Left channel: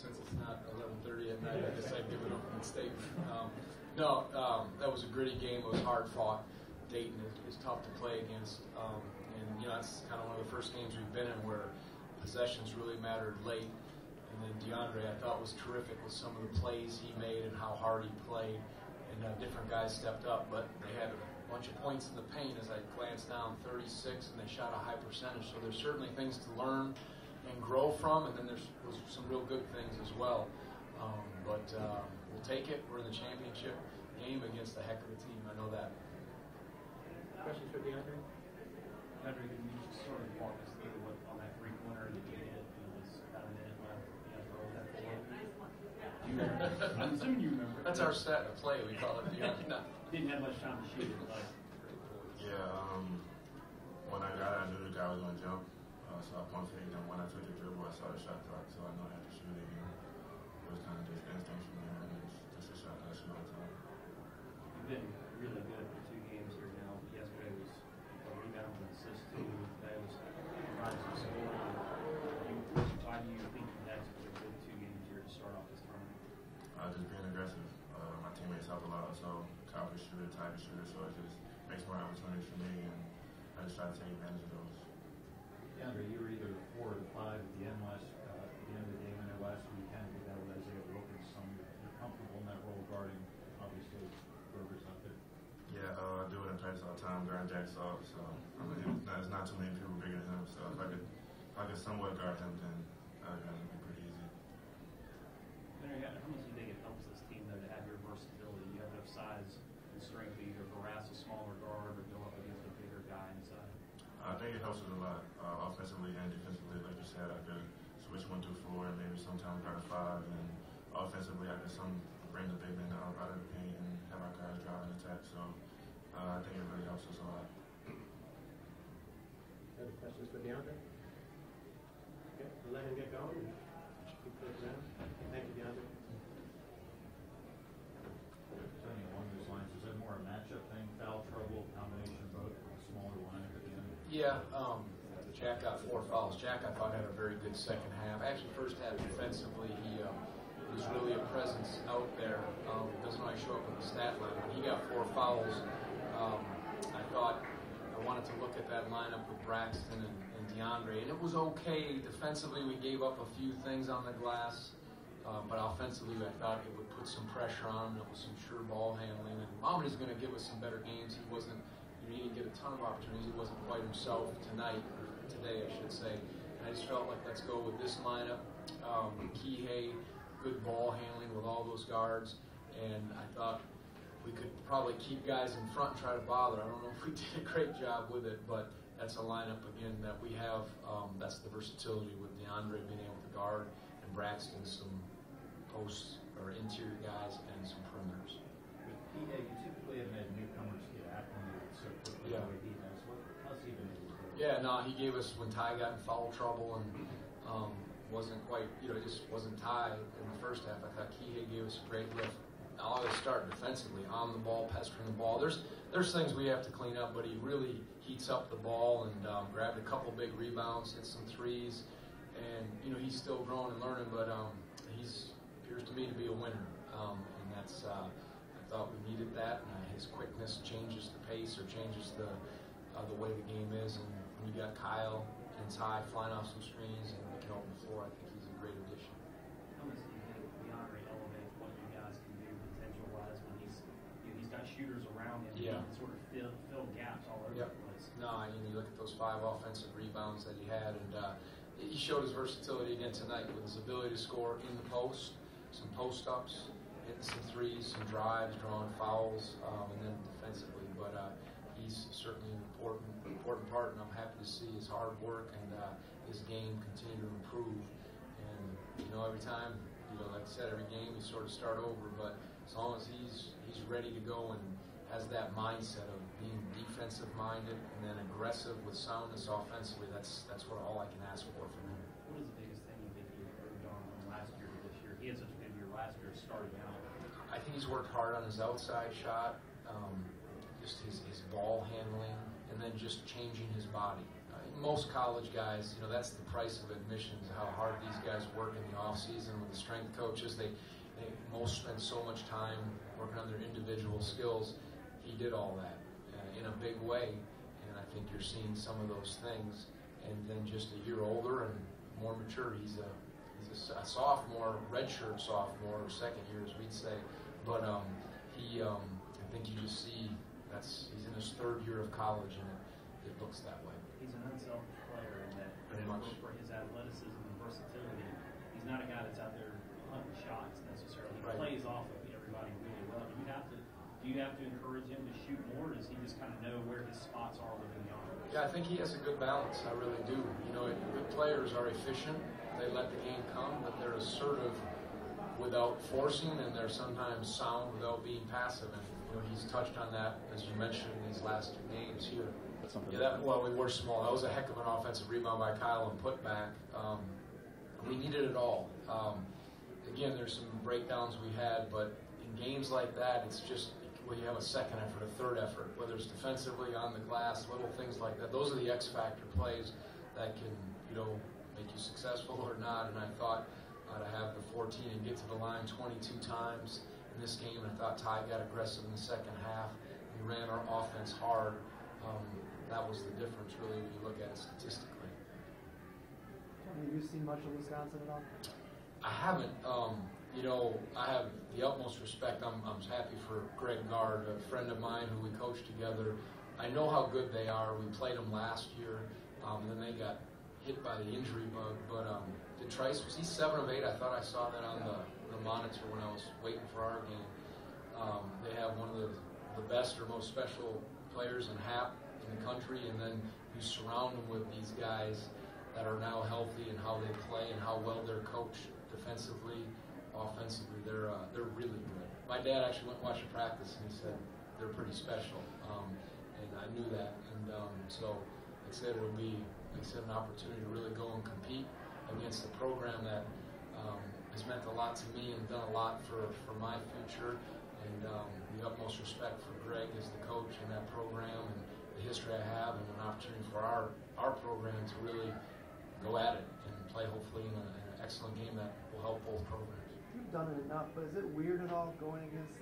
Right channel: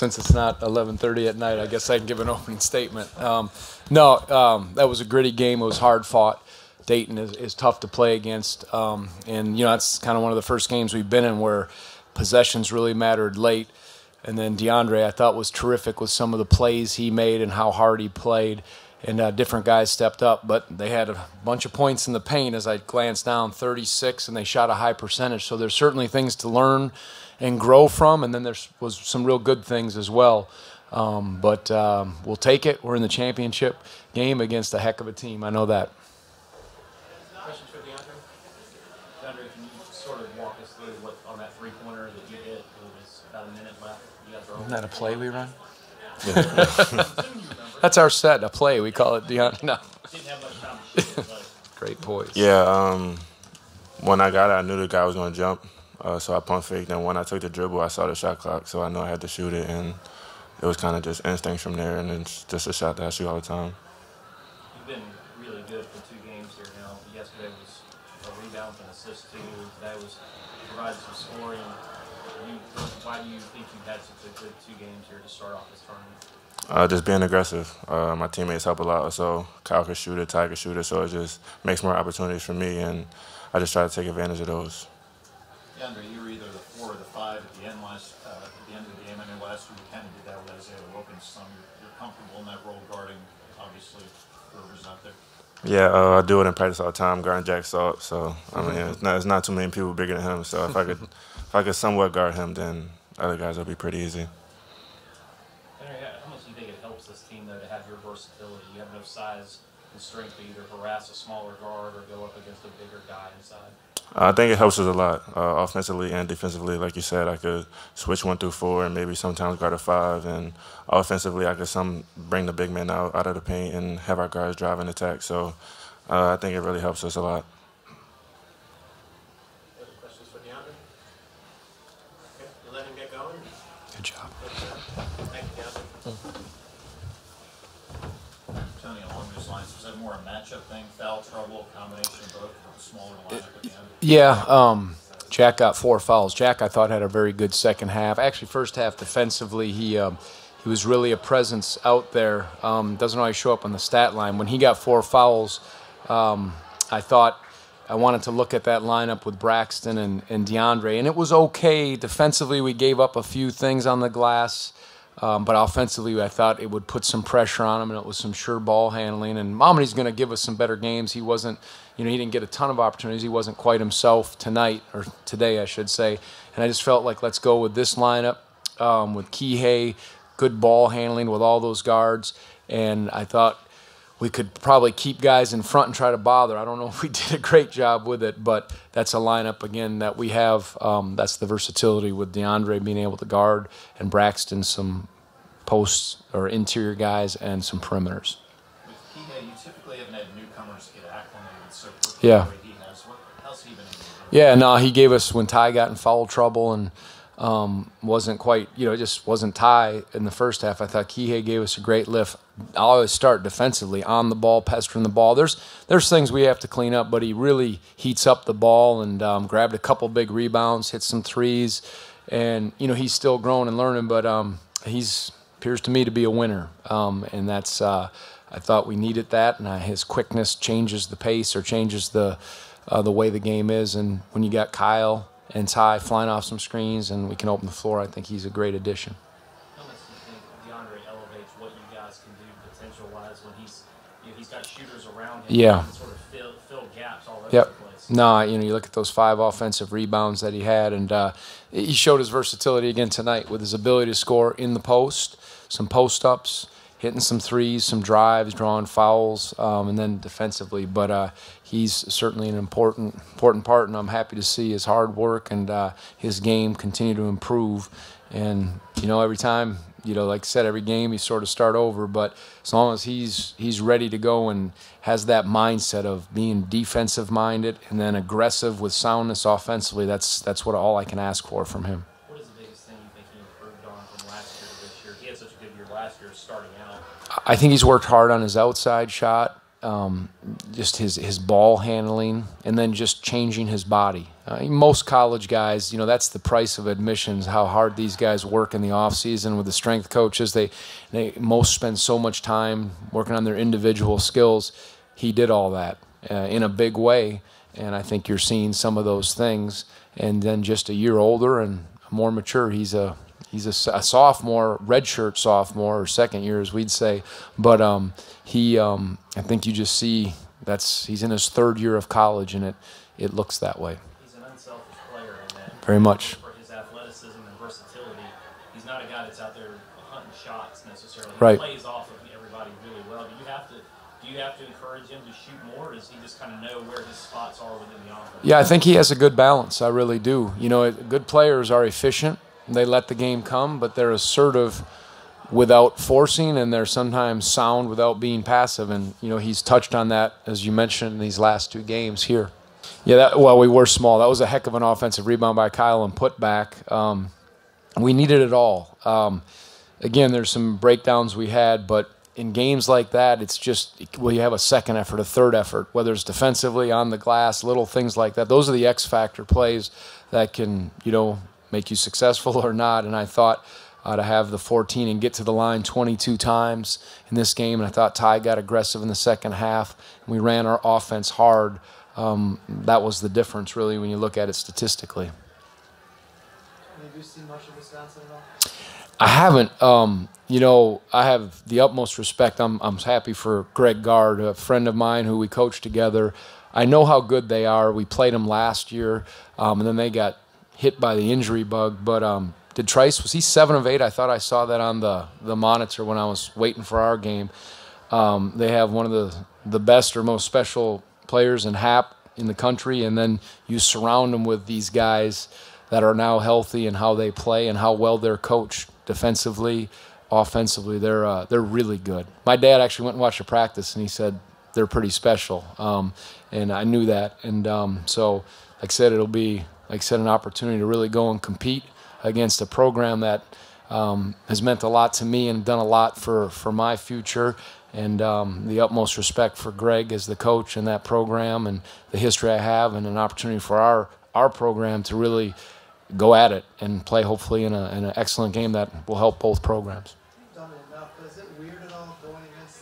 since it's not 11:30 at night, I guess I can give an opening statement. That was a gritty game. It was hard fought. Dayton is tough to play against, and that's kind of one of the first games we've been in where possessions really mattered late. And then DeAndre, I thought, was terrific with some of the plays he made and how hard he played. And different guys stepped up, but they had a bunch of points in the paint as I glanced down, 36, and they shot a high percentage. So there's certainly things to learn and grow from, and then there was some real good things as well. But we'll take it. We're in the championship game against a heck of a team. I know that. Questions for DeAndre? DeAndre, can you sort of walk us through what on that three-pointer that you hit? It was about a minute left. You got Isn't that a play we run? Yeah. That's our set, a play. We call it DeAndre. No. Didn't have much time to shoot, but Great poise. Yeah, when I got it, I knew the guy was going to jump, so I pump faked. And when I took the dribble, I saw the shot clock, so I knew I had to shoot it. And it was kind of just instinct from there, and it's just a shot that I shoot all the time. you've been really good for 2 games here now. Yesterday was a rebound and assist too. That was provided some scoring. Why do you think you had such a good 2 games here to start off this tournament? Just being aggressive. My teammates help a lot, so Kyle can shoot it, Ty can shoot it, so it just makes more opportunities for me, and I just try to take advantage of those. DeAndre, you were either the 4 or the 5 at the end of the game. I know last year you kind of did that with Isaiah Wilkinson. You're comfortable in that role guarding, obviously, whoever's out there. Yeah, I do it in practice all the time, guarding Jack Salt, so I mean, it's not too many people bigger than him, so if I could somewhat guard him, then other guys will be pretty easy. How much do you think it helps this team though to have your versatility? You have enough size and strength to either harass a smaller guard or go up against a bigger guy inside. I think it helps us a lot, offensively and defensively. Like you said, I could switch 1 through 4 and maybe sometimes guard a 5. And offensively, I could bring the big man out of the paint and have our guards drive and attack. So I think it really helps us a lot. Other questions for DeAndre? Okay, we'll let him get going. Good job. Thank you, DeAndre. Tony, along those lines, was that more a matchup thing, foul trouble, combination of both, smaller lineup at the end? Yeah, Jack got 4 fouls. Jack, I thought, had a very good second half. Actually, first half defensively, he was really a presence out there. Doesn't always show up on the stat line. When he got 4 fouls, I thought I wanted to look at that lineup with Braxton and DeAndre, and it was okay. Defensively, we gave up a few things on the glass, but offensively, I thought it would put some pressure on him, and it was some sure ball handling. And Momity's going to give us some better games. He wasn't, he didn't get a ton of opportunities. He wasn't quite himself tonight, or today, I should say. And I just felt like let's go with this lineup with Kihei, good ball handling with all those guards, and I thought we could probably keep guys in front and try to bother. I don't know if we did a great job with it, but that's a lineup, again, that we have. That's the versatility with DeAndre being able to guard and Braxton some posts or interior guys and some perimeters. With Kihei, you typically haven't had newcomers get acclimated so quickly Yeah. the way he has. How's he been able to do that? Yeah, no, he gave us when Ty got in foul trouble and wasn't quite, it just wasn't Ty in the first half. I thought Kihei gave us a great lift. I always start defensively, on the ball, pestering the ball. There's things we have to clean up, but he really heats up the ball and grabbed a couple big rebounds, hit some threes, and he's still growing and learning, but he's appears to me to be a winner, and that's I thought we needed that, and his quickness changes the pace or changes the way the game is, and when you got Kyle and Ty flying off some screens and we can open the floor, I think he's a great addition. How much do you think DeAndre elevates what you guys can do potential-wise when he's got shooters around him? Yeah. He can sort of fill gaps all over Yep. the place. No, you look at those 5 offensive rebounds that he had, and he showed his versatility again tonight with his ability to score in the post, some post-ups, hitting some threes, some drives, drawing fouls, and then defensively. But he's certainly an important part, and I'm happy to see his hard work and his game continue to improve. And, every time, like I said, every game you sort of start over, but as long as he's ready to go and has that mindset of being defensive-minded and then aggressive with soundness offensively, that's what all I can ask for from him. What is the biggest thing you think he improved on from last year to this year? He had such a good year last year starting out. I think he's worked hard on his outside shot. just his ball handling, and then just changing his body. Most college guys, that's the price of admissions, how hard these guys work in the off season with the strength coaches. They most spend so much time working on their individual skills. He did all that in a big way, and I think you're seeing some of those things. And then just a year older and more mature, he's a sophomore, redshirt sophomore, or second year as we'd say. But I think you just see he's in his third year of college, and it looks that way. He's an unselfish player in that. Very much. For his athleticism and versatility, he's not a guy that's out there hunting shots necessarily. He Right. plays off of everybody really well. Do you have to encourage him to shoot more, or does he just kind of know where his spots are within the offense? Yeah, I think he has a good balance. I really do. Good players are efficient. They let the game come, but they're assertive without forcing, and they're sometimes sound without being passive. And, he's touched on that, as you mentioned, in these last two games here. Yeah, we were small. That was a heck of an offensive rebound by Kyle and put back. We needed it all. Again, there's some breakdowns we had, but in games like that, it's just, you have a second effort, a third effort, whether it's defensively, on the glass, little things like that. Those are the X-factor plays that can, make you successful or not. And I thought to have the 14 and get to the line 22 times in this game, and I thought Ty got aggressive in the second half. We ran our offense hard. That was the difference, really, when you look at it statistically. Have you seen much of Wisconsin at all? I haven't. I have the utmost respect. I'm happy for Greg Gard, a friend of mine who we coached together. I know how good they are. We played them last year, and then they got hit by the injury bug. But did Trice, was he 7 of 8? I thought I saw that on the monitor when I was waiting for our game. They have one of the best or most special players in HAP in the country, and then you surround them with these guys that are now healthy and how they play and how well they're coached defensively, offensively. They're really good. My dad actually went and watched a practice, and he said they're pretty special, and I knew that. And so, like I said, it'll be, an opportunity to really go and compete against a program that has meant a lot to me and done a lot for my future. And the utmost respect for Greg as the coach in that program and the history I have, and an opportunity for our program to really go at it and play hopefully in an excellent game that will help both programs. You've done it enough, but is it weird at all going against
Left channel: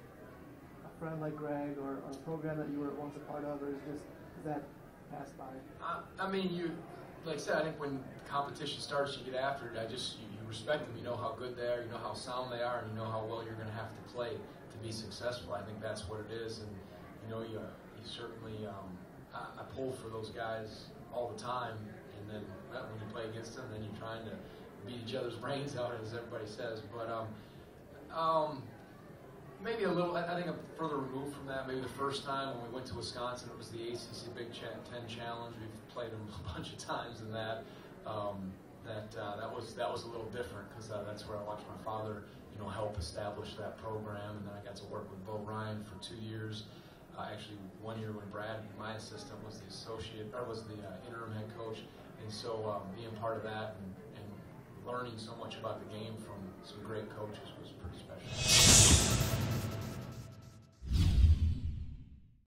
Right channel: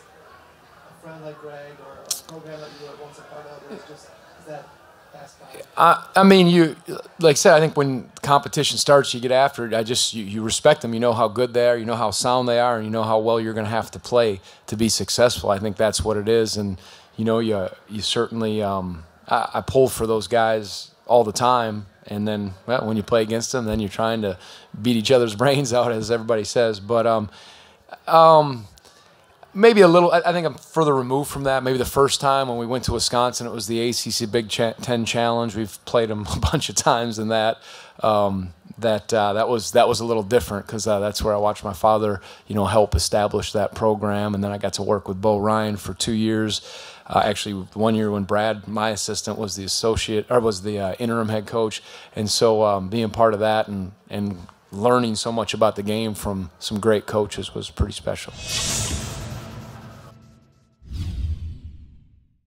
a friend like Greg or a program that you were once a part of, or is that passed by? I mean, you, like I said, I think when competition starts, you get after it. You respect them. You know how good they are. You know how sound they are, and you know how well you're going to have to play to be successful. I think that's what it is, and you certainly. I pull for those guys all the time, and then when you play against them, then you're trying to beat each other's brains out, as everybody says. But maybe a little. I think I'm further removed from that. Maybe the first time when we went to Wisconsin, it was the ACC Big Ten Challenge. We've played them a bunch of times in that. That was a little different because that's where I watched my father, help establish that program, and then I got to work with Bo Ryan for 2 years. Actually, 1 year when Brad, my assistant, was the interim head coach, and so being part of that and learning so much about the game from some great coaches was pretty special.